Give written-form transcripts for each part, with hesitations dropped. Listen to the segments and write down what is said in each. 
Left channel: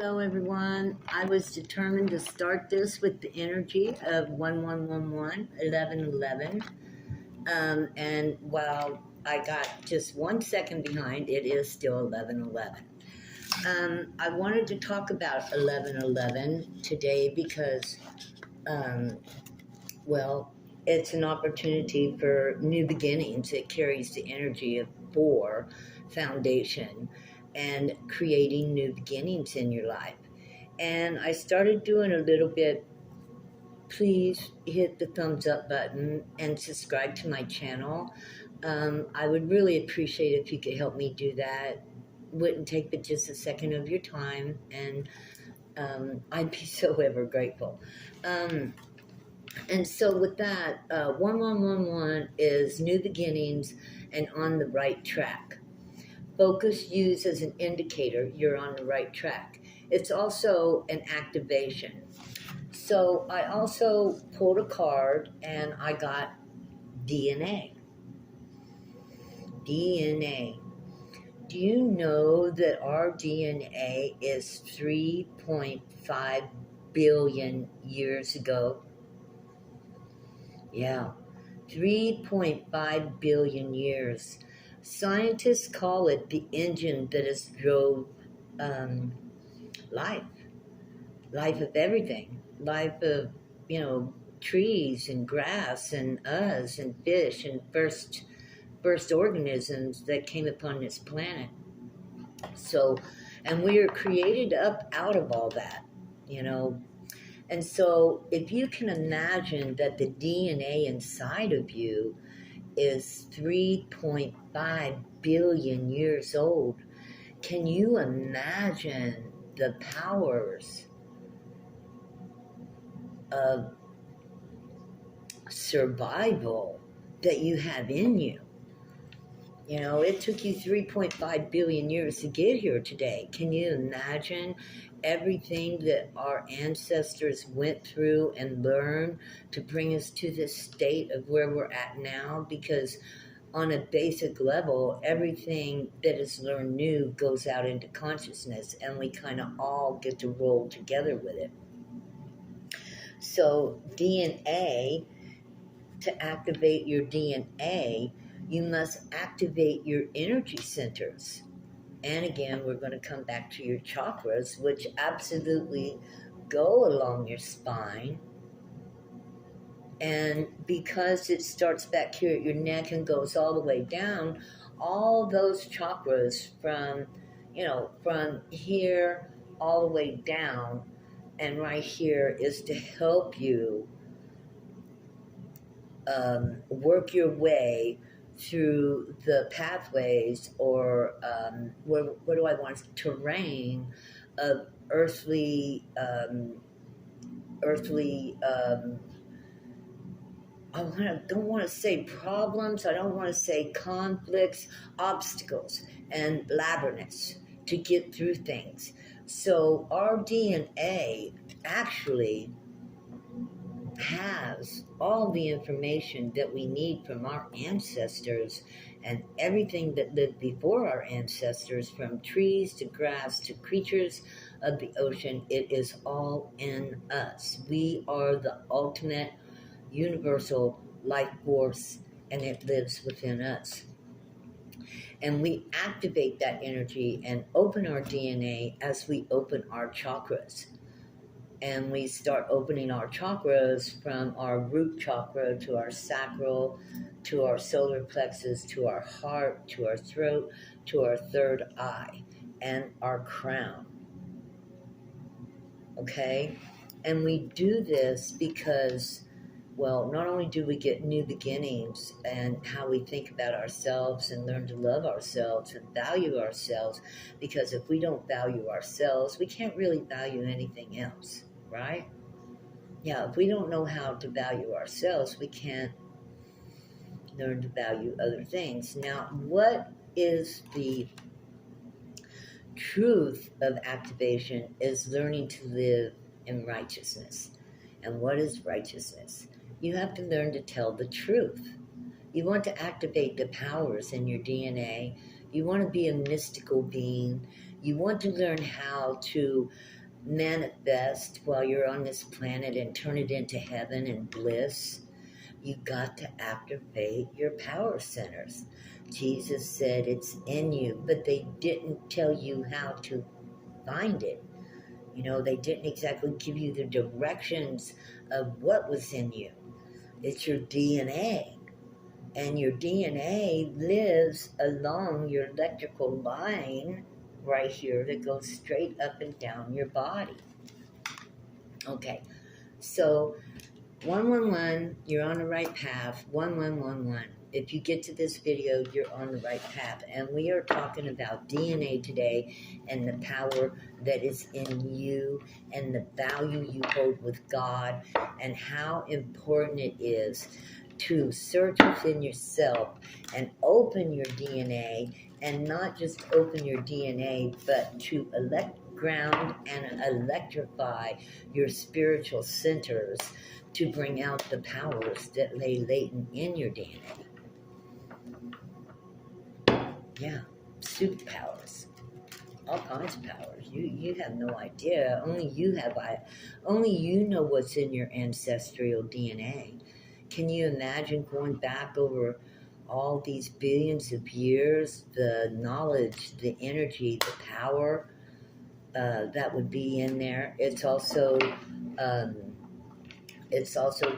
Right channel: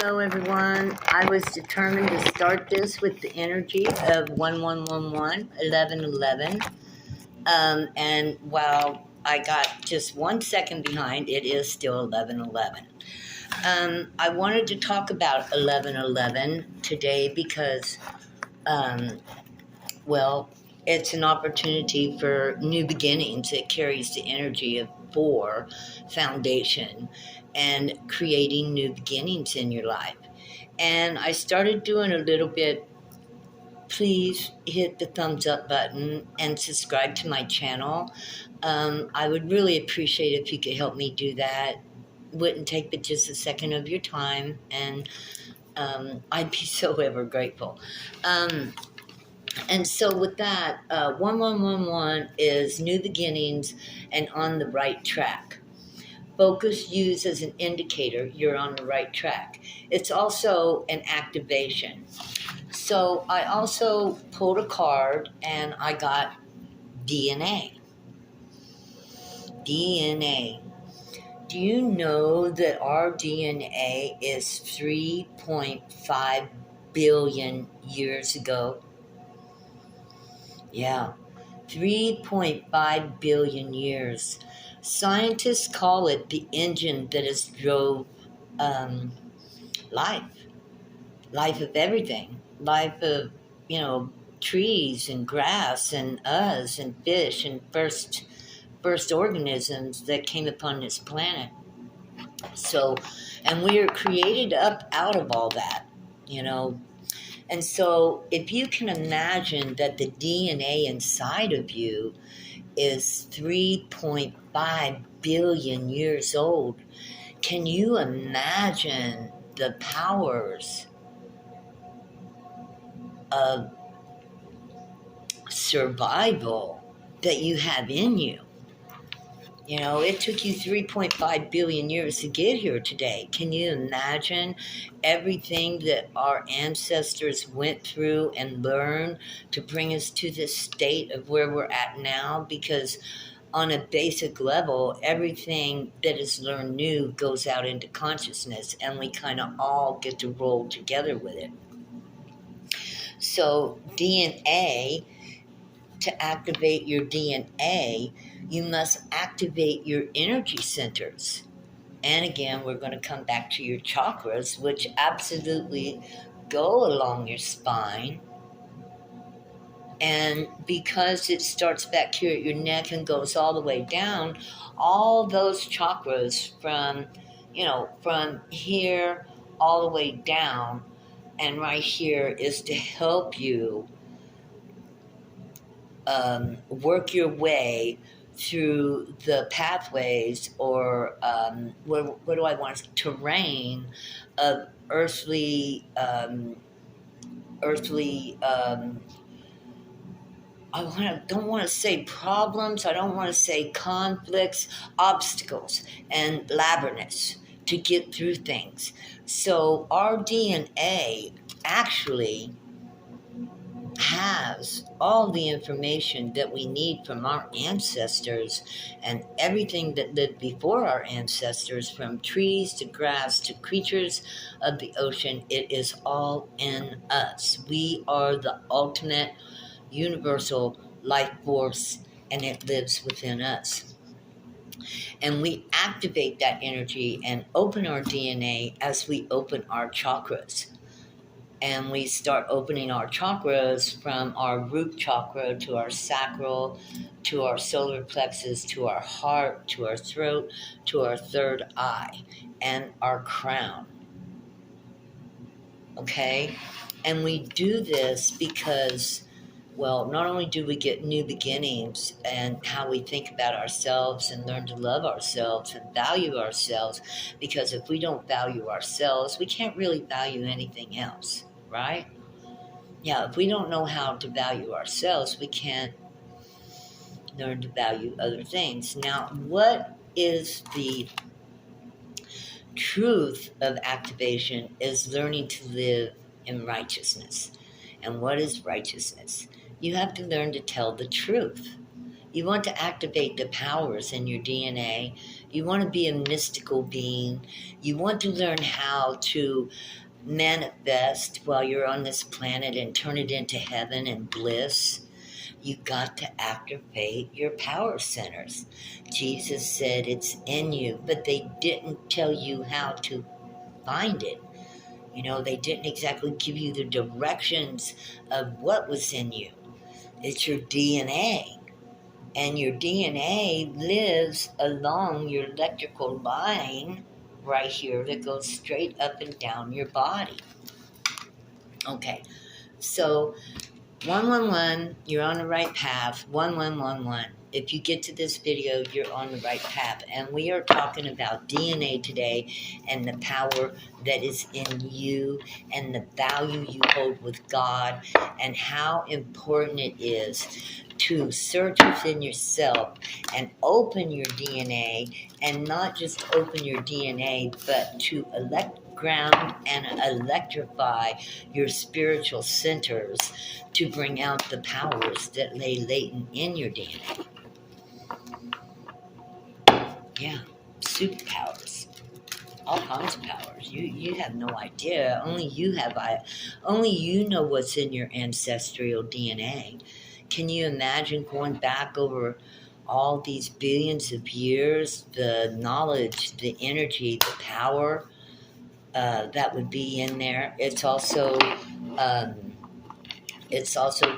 Hello, everyone. I was determined to start this with the energy of 1111, 1111. And while I got just 1 second behind, it is still 1111. I wanted to talk about 1111 today because, um, well, it's an opportunity for new beginnings. It carries the energy of 4 foundation and creating new beginnings in your life. And I started doing a little bit. Please hit the thumbs up button and subscribe to my channel. I would really appreciate if you could help me do that. Wouldn't take but just a second of your time, and I'd be so ever grateful. And so with that, 1111 is new beginnings and on the right track. Focus used as an indicator you're on the right track. It's also an activation. So I also pulled a card and I got DNA. DNA. Do you know that our DNA is 3.5 billion years ago? Yeah, 3.5 billion years. Scientists call it the engine that has drove life of everything, life of, trees and grass and us and fish and first organisms that came upon this planet. So, and we are created up out of all that, And so if you can imagine that the DNA inside of you is 3.5 billion years old, can you imagine the powers of survival that you have in you? It took you 3.5 billion years to get here today. Can you imagine everything that our ancestors went through and learned to bring us to this state of where we're at now? Because on a basic level, everything that is learned new goes out into consciousness, and we kind of all get to roll together with it. So DNA, to activate your DNA, you must activate your energy centers. And again, we're going to come back to your chakras, which absolutely go along your spine. And because it starts back here at your neck and goes all the way down, all those chakras from here all the way down and right here is to help you work your way through the pathways or what do I want? Terrain of earthly I don't want to say problems, I don't want to say conflicts, obstacles, and labyrinths to get through things. So our DNA actually has all the information that we need from our ancestors and everything that lived before our ancestors, from trees to grass to creatures of the ocean. It is all in us. We are the ultimate universal life force, and it lives within us. And we activate that energy and open our DNA as we open our chakras. And we start opening our chakras from our root chakra to our sacral, to our solar plexus, to our heart, to our throat, to our third eye, and our crown. Okay? And we do this because, well, not only do we get new beginnings and how we think about ourselves and learn to love ourselves and value ourselves, because if we don't value ourselves, we can't really value anything else, right? Yeah, if we don't know how to value ourselves, we can't learn to value other things. Now, what is the truth of activation is learning to live in righteousness. And what is righteousness? You have to learn to tell the truth. You want to activate the powers in your DNA. You want to be a mystical being. You want to learn how to manifest while you're on this planet and turn it into heaven and bliss. You got to activate your power centers. Jesus said it's in you, but they didn't tell you how to find it. You know, they didn't exactly give you the directions of what was in you. It's your DNA. And your DNA lives along your electrical line right here that goes straight up and down your body. Okay, so 111, you're on the right path. 1111. If you get to this video, you're on the right path. And we are talking about DNA today and the power that is in you and the value you hold with God and how important it is to search within yourself and open your DNA, and not just open your DNA, but to ground and electrify your spiritual centers to bring out the powers that lay latent in your DNA. Yeah, superpowers, all kinds of powers. You have no idea. Only you know what's in your ancestral DNA. Can you imagine going back over all these billions of years, the knowledge, the energy, the power that would be in there? It's also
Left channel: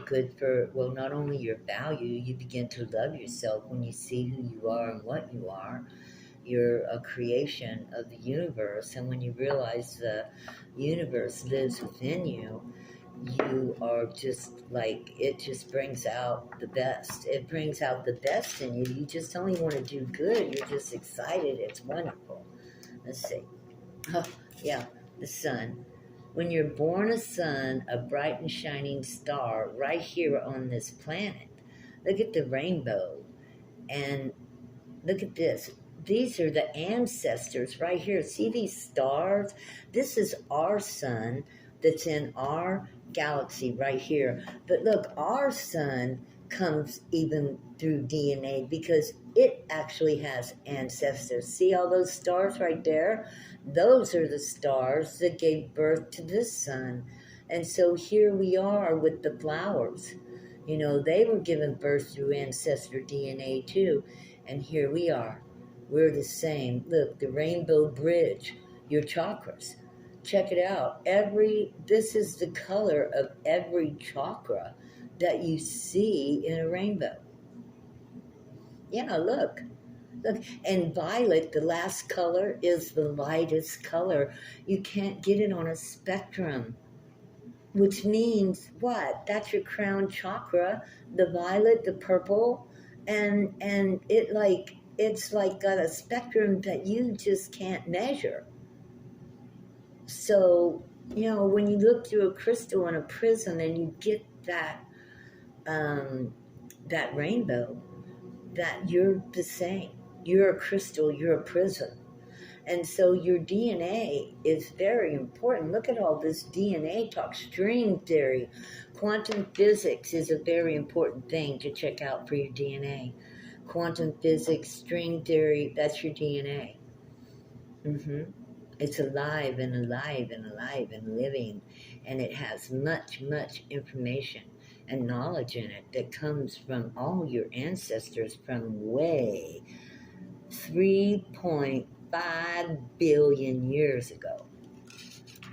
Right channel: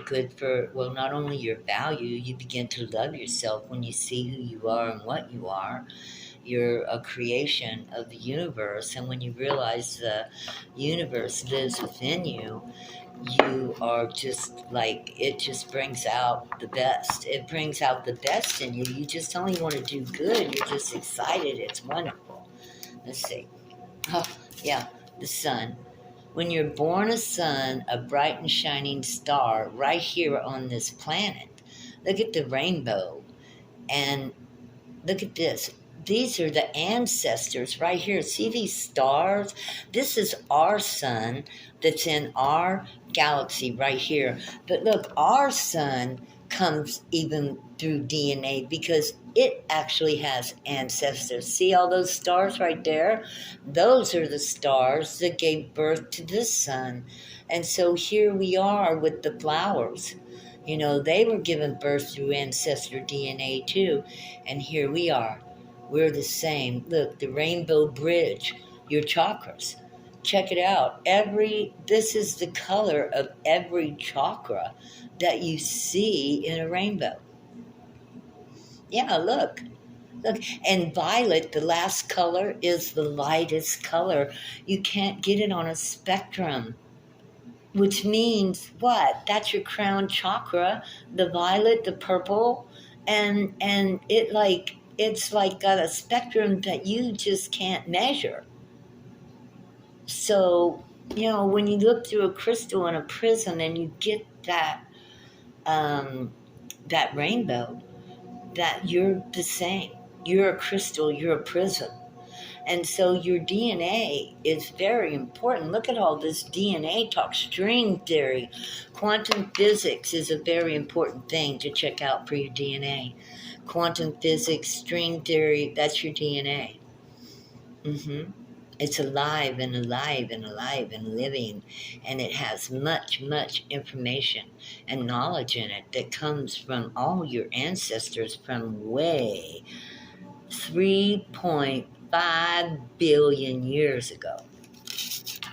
good for, well, not only your value, you begin to love yourself when you see who you are and what you are. You're a creation of the universe, and when you realize the universe lives within you, you are just like, it just brings out the best. It brings out the best in you. You just only want to do good. You're just excited. It's wonderful. Let's see. Oh, yeah, the sun. When you're born a sun, a bright and shining star right here on this planet. Look at the rainbow. And look at this. These are the ancestors right here. See these stars? This is our sun that's in our galaxy right here. But look, our sun comes even through DNA because it actually has ancestors. See all those stars right there? Those are the stars that gave birth to this sun. And so here we are with the flowers. You know, they were given birth through ancestor DNA too. And here we are. We're the same. Look, the rainbow bridge, your chakras. Check it out. This is the color of every chakra that you see in a rainbow. Yeah, look. Look, and violet, the last color, is the lightest color. You can't get it on a spectrum. Which means what? That's your crown chakra, the violet, the purple, and it's like got a spectrum that you just can't measure. So, you know, when you look through a crystal and a prism and you get that that rainbow, that you're the same. You're a crystal, you're a prism. And so your DNA is very important. Look at all this DNA talk, string theory. Quantum physics is a very important thing to check out for your DNA. Quantum physics, string theory, that's your DNA. It's alive and alive and alive and living. And it has much, much information and knowledge in it that comes from all your ancestors from way 3.5 billion years ago.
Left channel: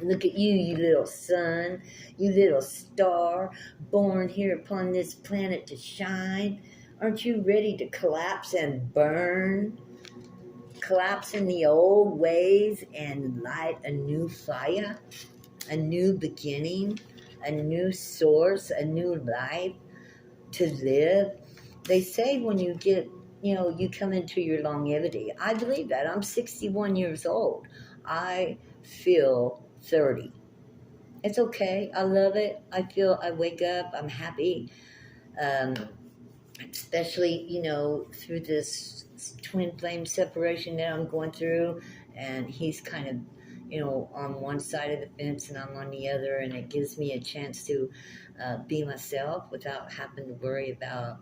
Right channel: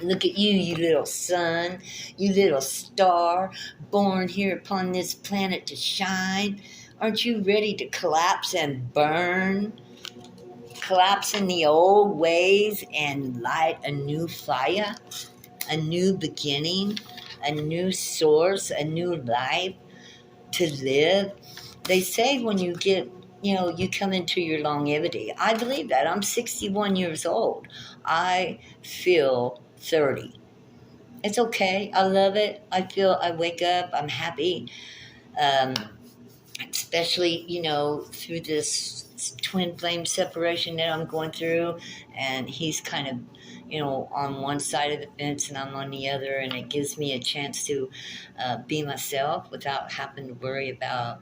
Look at you, you little sun, you little star, born here upon this planet to shine. Aren't you ready to collapse and burn? Collapse in the old ways and light a new fire, a new beginning, a new source, a new life to live. They say when you get, you come into your longevity. I believe that. I'm 61 years old. I feel 30. It's okay. I love it. I wake up, I'm happy. Especially, through this twin flame separation that I'm going through. And he's kind of, on one side of the fence and I'm on the other. And it gives me a chance to be myself without having to worry about,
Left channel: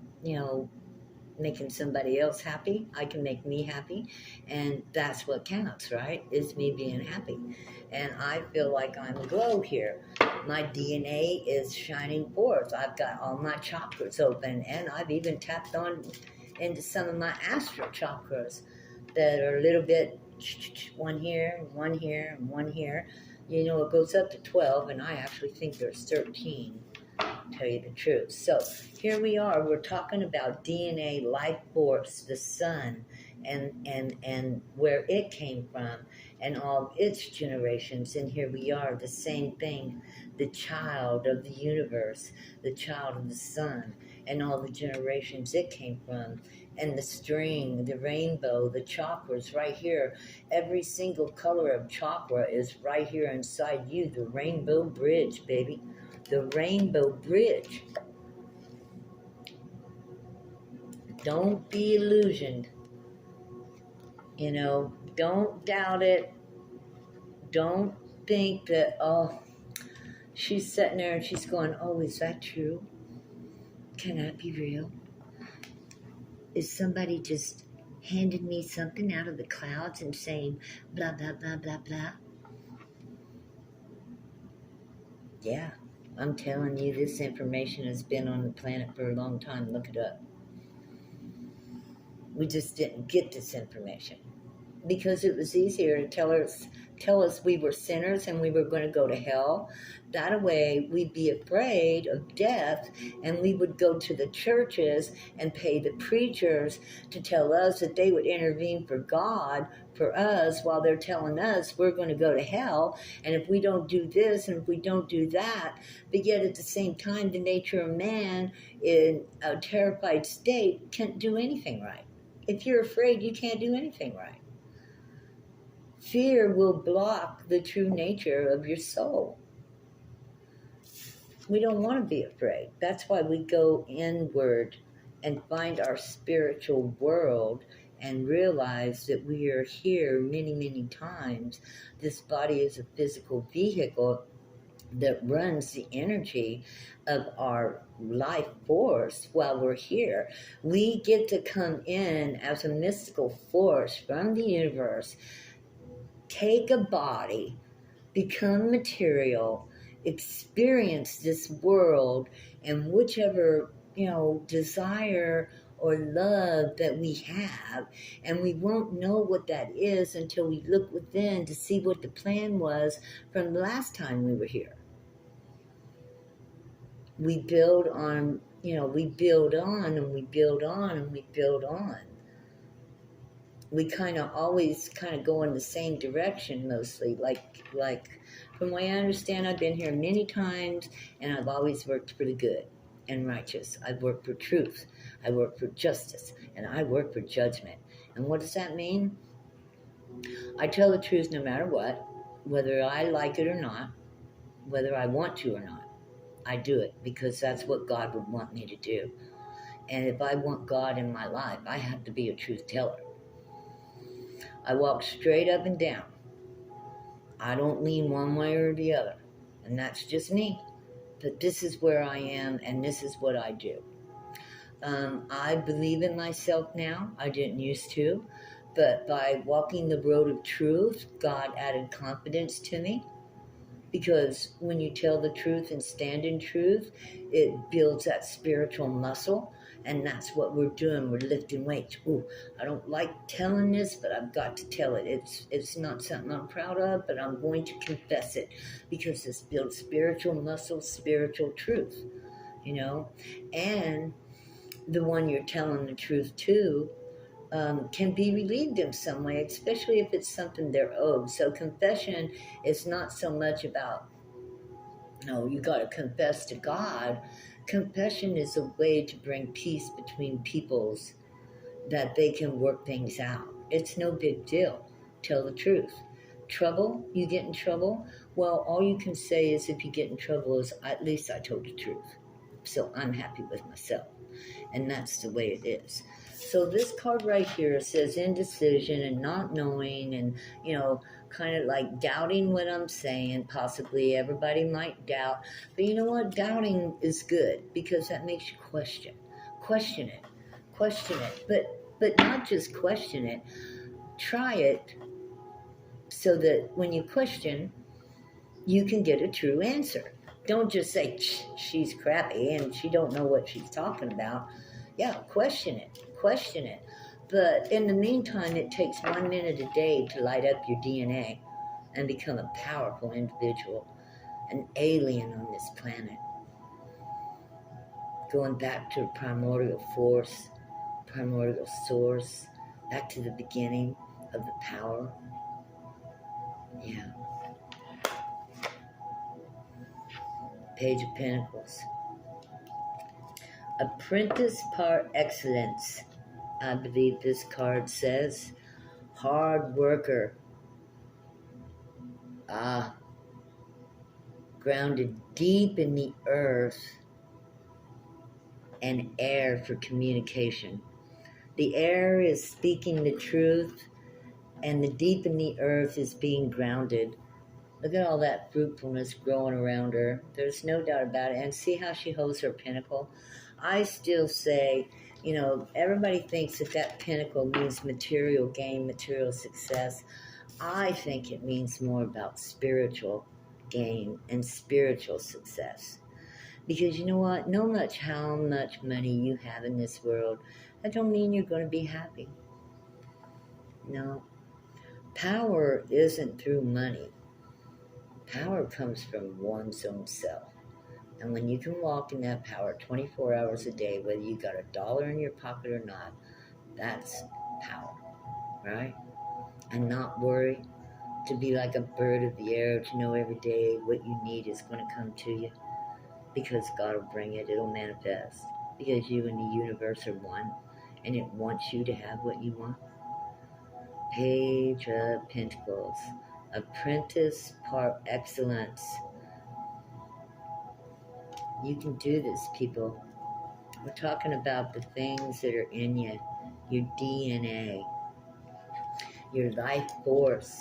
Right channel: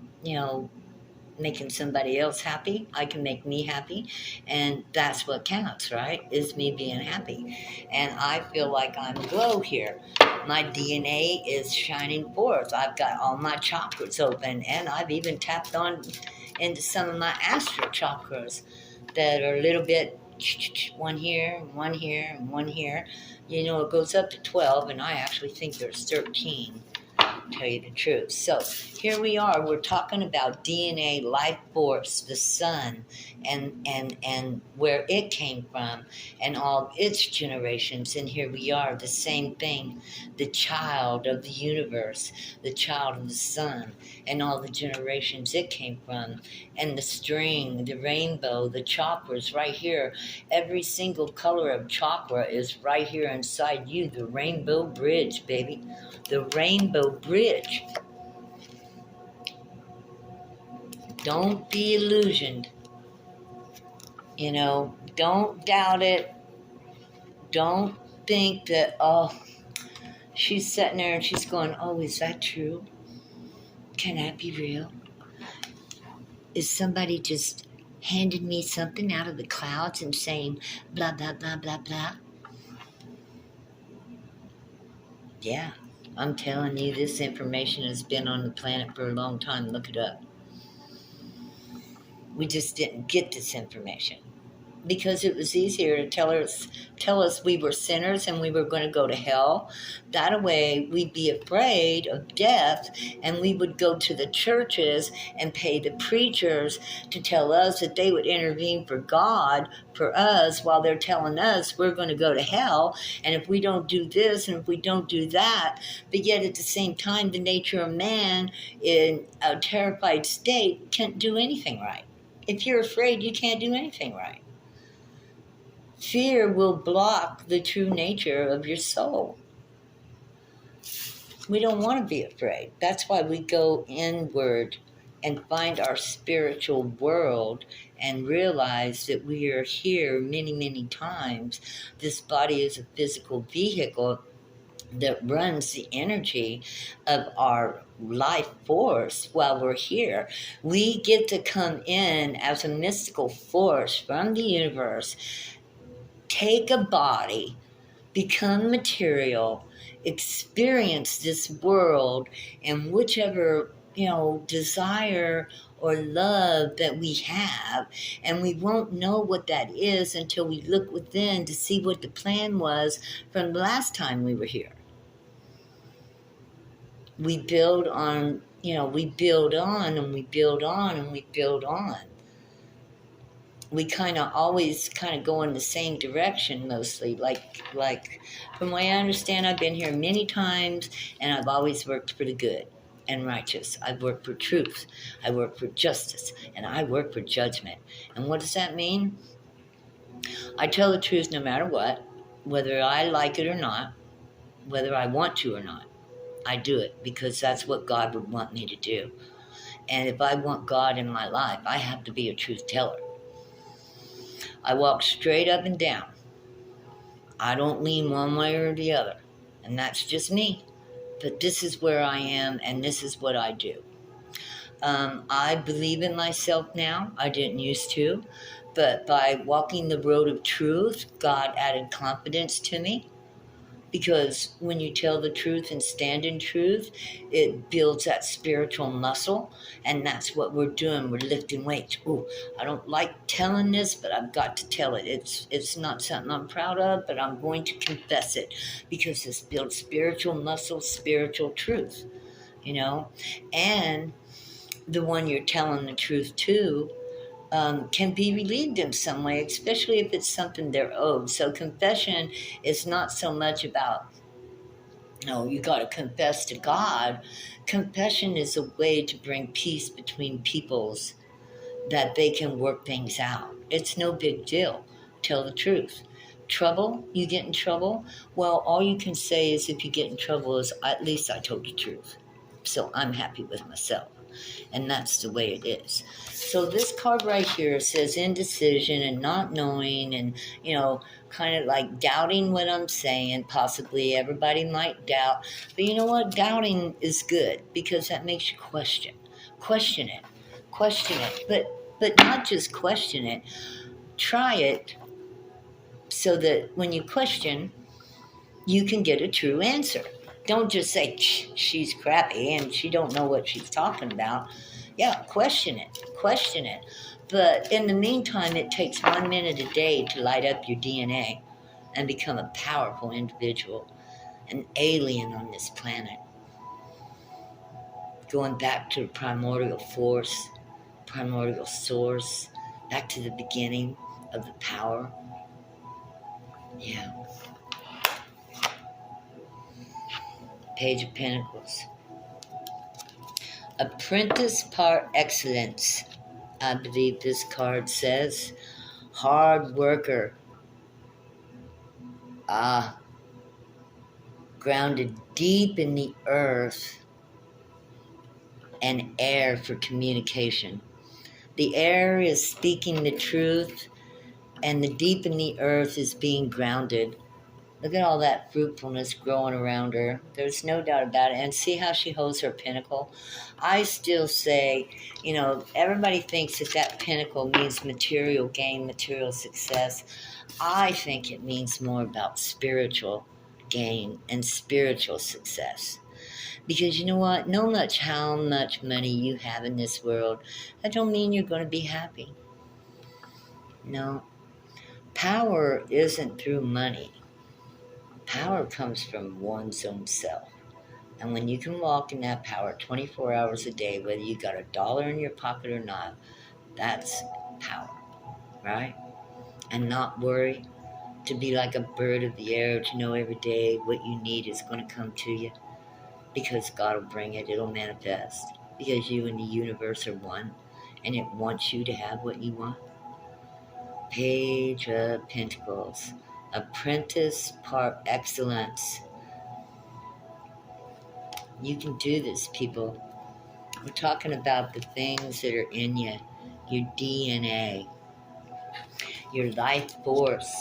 making somebody else happy. I can make me happy. And that's what counts, right? Is me being happy. And I feel like I'm glow here. My DNA is shining forth. I've got all my chakras open, and I've even tapped on into some of my astral chakras that are a little bit one here, one here, and one here. You know, it goes up to 12, and I actually think there's 13. Tell you the truth. So here we are. We're talking about DNA, life force, the sun, and where it came from, and all its generations. And here we are, the same thing, the child of the universe, the child of the sun, and all the generations it came from, and the string, the rainbow, the chakras right here. Every single color of chakra is right here inside you. The rainbow bridge, baby. The rainbow bridge. Don't be illusioned. You know, don't doubt it. Don't think that, oh, she's sitting there and she's going, oh, is that true? Can that be real? Is somebody just handing me something out of the clouds and saying blah, blah, blah, blah, blah? Yeah, I'm telling you, this information has been on the planet for a long time. Look it up. We just didn't get this information because it was easier to tell us we were sinners and we were going to go to hell. That way we'd be afraid of death, and we would go to the churches and pay the preachers to tell us that they would intervene for God, for us, while they're telling us we're going to go to hell, and if we don't do this and if we don't do that. But yet at the same time, the nature of man in a terrified state can't do anything right. If you're afraid, you can't do anything right. Fear will block the true nature of your soul. We don't want to be afraid. That's why we go inward and find our spiritual world and realize that we are here many, many times. This body is a physical vehicle that runs the energy of our life force while we're here. We get to come in as a mystical force from the universe, take a body, become material, experience this world, and whichever, desire or love that we have, and we won't know what that is until we look within to see what the plan was from the last time we were here. We build on, we build on and we build on and we build on. We kind of always go in the same direction mostly. Like from what I understand, I've been here many times and I've always worked for the good and righteous. I've worked for truth. I work for justice, and I work for judgment. And what does that mean? I tell the truth no matter what, whether I like it or not, whether I want to or not. I do it because that's what God would want me to do. And if I want God in my life, I have to be a truth teller. I walk straight up and down. I don't lean one way or the other. And that's just me. But this is where I am, and this is what I do. I believe in myself now. I didn't used to. But by walking the road of truth, God added confidence to me. Because when you tell the truth and stand in truth, it builds that spiritual muscle, and that's what we're doing. We're lifting weights. Ooh, I don't like telling this, but I've got to tell it. It's not something I'm proud of, but I'm going to confess it because this builds spiritual muscle, spiritual truth, and the one you're telling the truth to can be relieved in some way, especially if it's something they're owed. So confession is not so much about, you got to confess to God. Confession is a way to bring peace between peoples, that they can work things out. It's no big deal. Tell the truth. Trouble, you get in trouble? Well, all you can say is if you get in trouble is, at least I told the truth. So I'm happy with myself. And that's the way it is. So this card right here says indecision and not knowing and, kind of like doubting what I'm saying. Possibly everybody might doubt. But you know what? Doubting is good because that makes you question. Question it. Question it. But not just question it. Try it so that when you question, you can get a true answer. Don't just say, she's crappy and she don't know what she's talking about. Yeah, question it. Question it. But in the meantime, it takes 1 minute a day to light up your DNA and become a powerful individual, an alien on this planet. Going back to the primordial force, primordial source, back to the beginning of the power. Yeah. Page of Pentacles. Apprentice par excellence. I believe this card says. Hard worker. Grounded deep in the earth and air for communication. The air is speaking the truth, and the deep in the earth is being grounded. Look at all that fruitfulness growing around her. There's no doubt about it. And see how she holds her pinnacle? I still say, everybody thinks that pinnacle means material gain, material success. I think it means more about spiritual gain and spiritual success. Because you know what? No much how much money you have in this world, that don't mean you're going to be happy. No. Power isn't through money. Power comes from one's own self. And when you can walk in that power 24 hours a day, whether you got $1 in your pocket or not, that's power, right? And not worry, to be like a bird of the air, to know every day what you need is going to come to you. Because God will bring it, it'll manifest. Because you and the universe are one, and it wants you to have what you want. Page of Pentacles. Apprentice par excellence. You can do this, people. We're talking about the things that are in you, your DNA, your life force,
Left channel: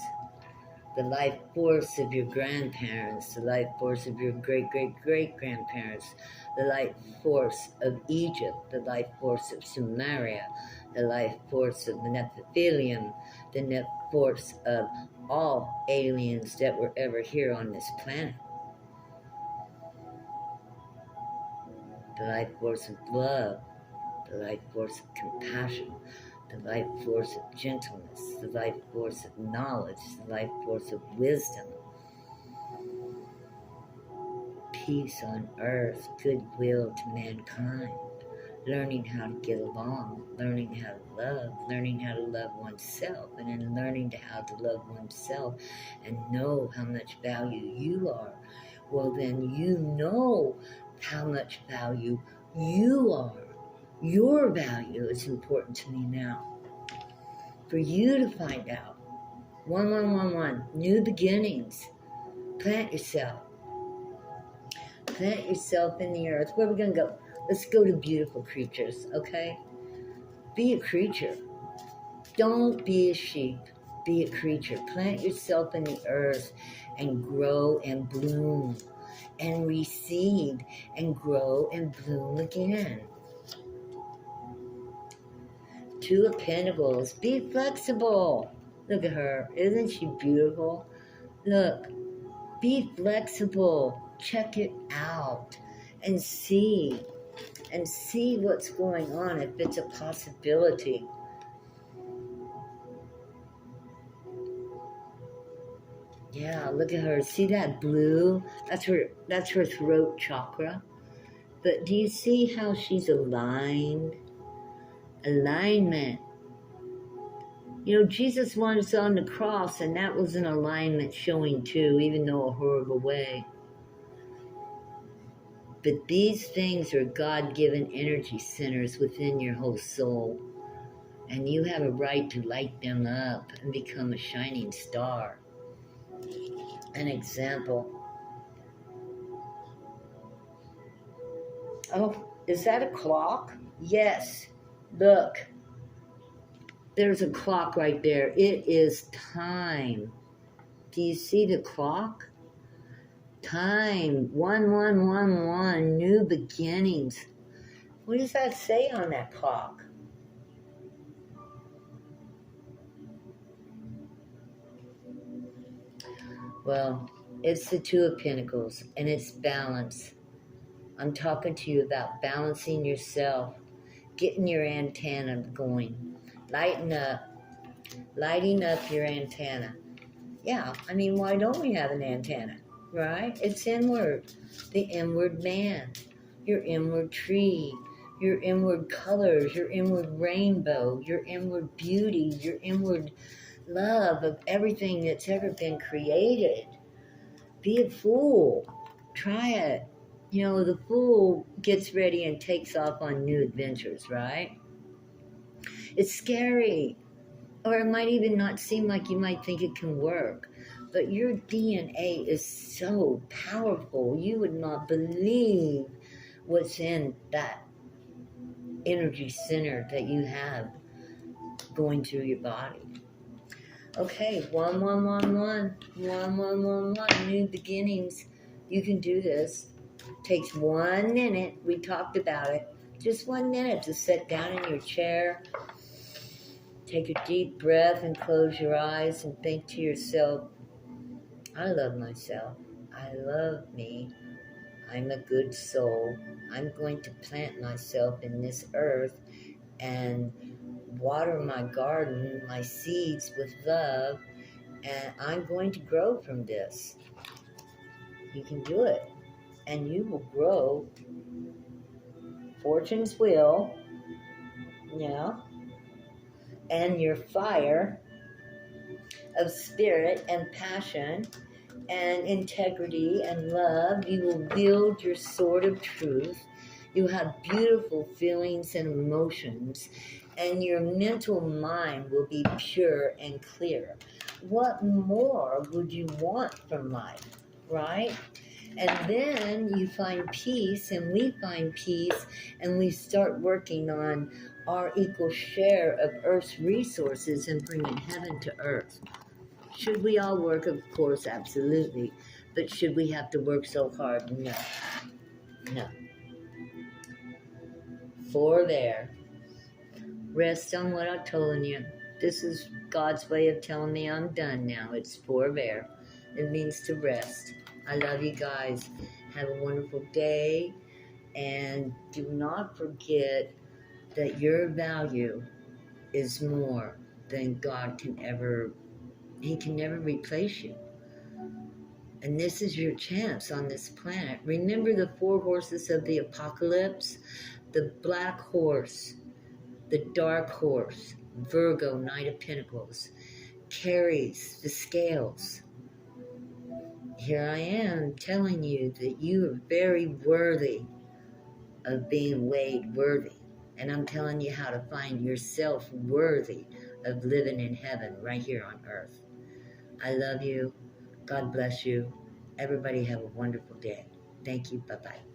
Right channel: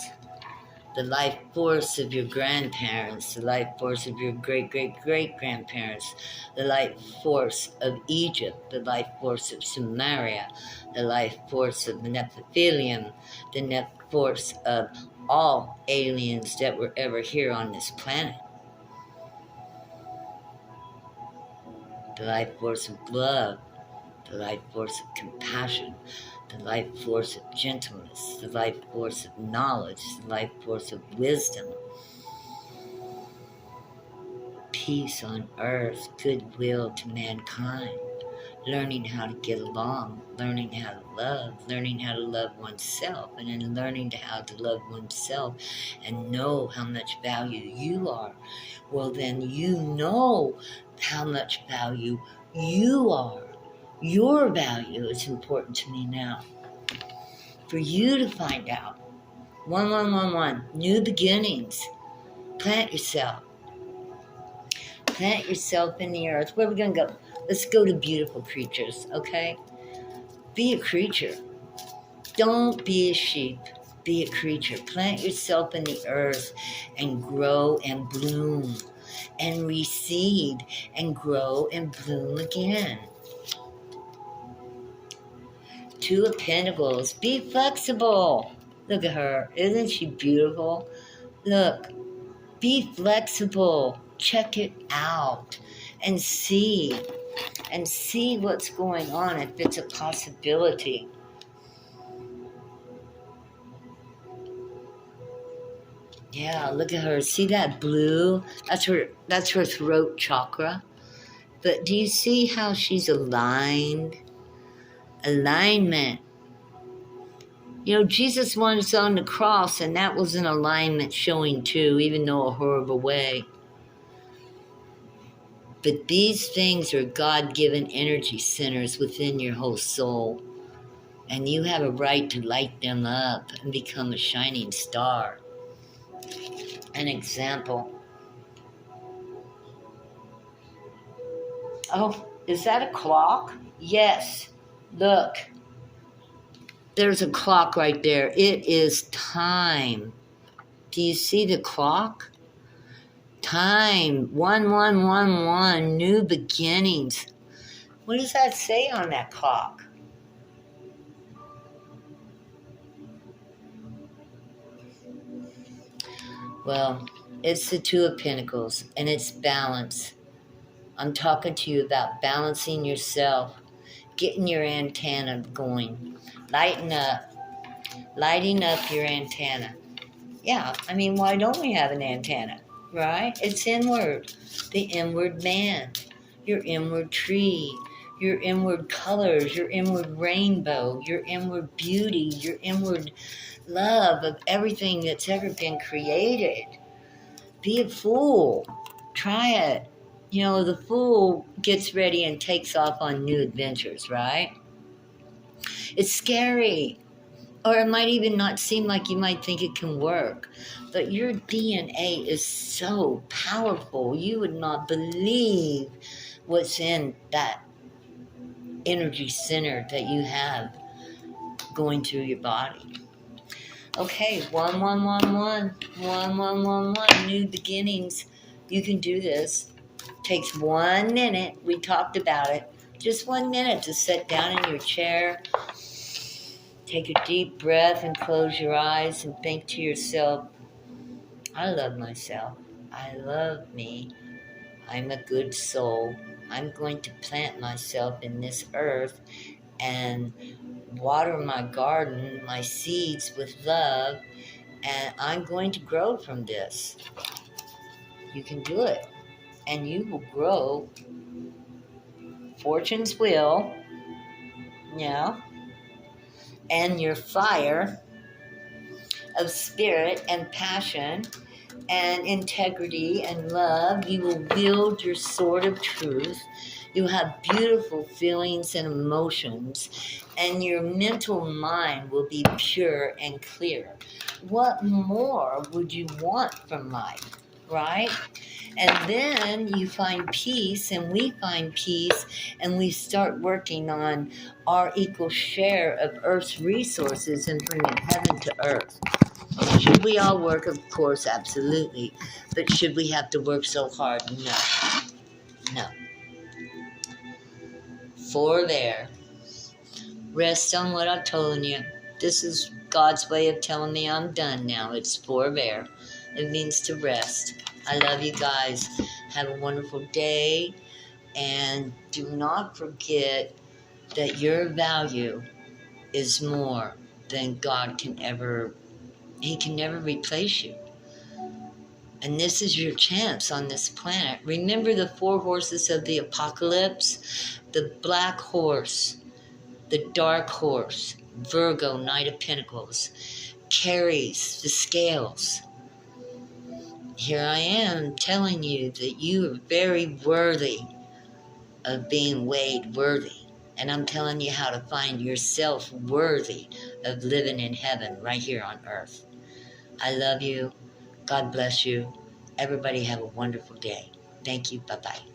the life force of your grandparents, the life force of your great-great-great-grandparents, the life force of Egypt, the life force of Sumeria, the life force of the Nephilim, the life force of all aliens that were ever here on this planet. The life force of love, the life force of compassion, the life force of gentleness, the life force of knowledge, the life force of wisdom. Peace on earth, goodwill to mankind, learning how to get along, learning how to love oneself, and then learning how to love oneself and know how much value you are. Well, then you know how much value you are. Your value is important to me now. For you to find out. 1111, new beginnings. Plant yourself. Plant yourself in the earth. Where are we going to go? Let's go to beautiful creatures, okay? Be a creature. Don't be a sheep. Be a creature. Plant yourself in the earth and grow and bloom and reseed and grow and bloom again. Two of Pentacles. Be flexible. Look at her. Isn't she beautiful? Look. Be flexible. Check it out and see what's going on if it's a possibility. Yeah, look at her. See that blue? That's her throat chakra. But do you see how she's aligned? Alignment. Jesus was on the cross, and that was an alignment showing too, even though a horrible way. But these things are God-given energy centers within your whole soul. And you have a right to light them up and become a shining star. An example. Oh, is that a clock? Yes. Look. There's a clock right there. It is time. Do you see the clock? Time. 1111. New beginnings. What does that say on that clock? Well, it's the Two of Pentacles, and it's balance. I'm talking to you about balancing yourself, getting your antenna going, lighting up your antenna. Yeah, I mean, why don't we have an antenna, right? It's inward, the inward man, your inward tree, your inward colors, your inward rainbow, your inward beauty, your inward love of everything that's ever been created. Be a fool. Try it. You know, the fool gets ready and takes off on new adventures, right? It's scary. Or it might even not seem like you might think it can work. But your DNA is so powerful. You would not believe what's in that energy center that you have going through your body. Okay, 1111, new beginnings. You can do this. Takes 1 minute. We talked about it. Just 1 minute to sit down in your chair. Take a deep breath and close your eyes and think to yourself, I love myself. I love me. I'm a good soul. I'm going to plant myself in this earth and water my garden, my seeds with love, and I'm going to grow from this. You can do it, and you will grow. Fortune's will, and your fire of spirit and passion and integrity and love. You will wield your sword of truth. You have beautiful feelings and emotions, and your mental mind will be pure and clear. What more would you want from life, right? And then you find peace, and we find peace, and we start working on our equal share of Earth's resources and bringing heaven to Earth. Should we all work? Of course, absolutely. But should we have to work so hard? No. No. Forbear. Rest on what I've told you. This is God's way of telling me I'm done now. It's forbear. It means to rest. I love you guys. Have a wonderful day. And do not forget that your value is more than God can ever. He can never replace you. And this is your chance on this planet. Remember the 4 horses of the apocalypse? The black horse, the dark horse, Virgo, Knight of Pentacles, carries the scales. Here I am telling you that you are very worthy of being weighed worthy. And I'm telling you how to find yourself worthy of living in heaven right here on earth. I love you. God bless you. Everybody have a wonderful day. Thank you. Bye-bye.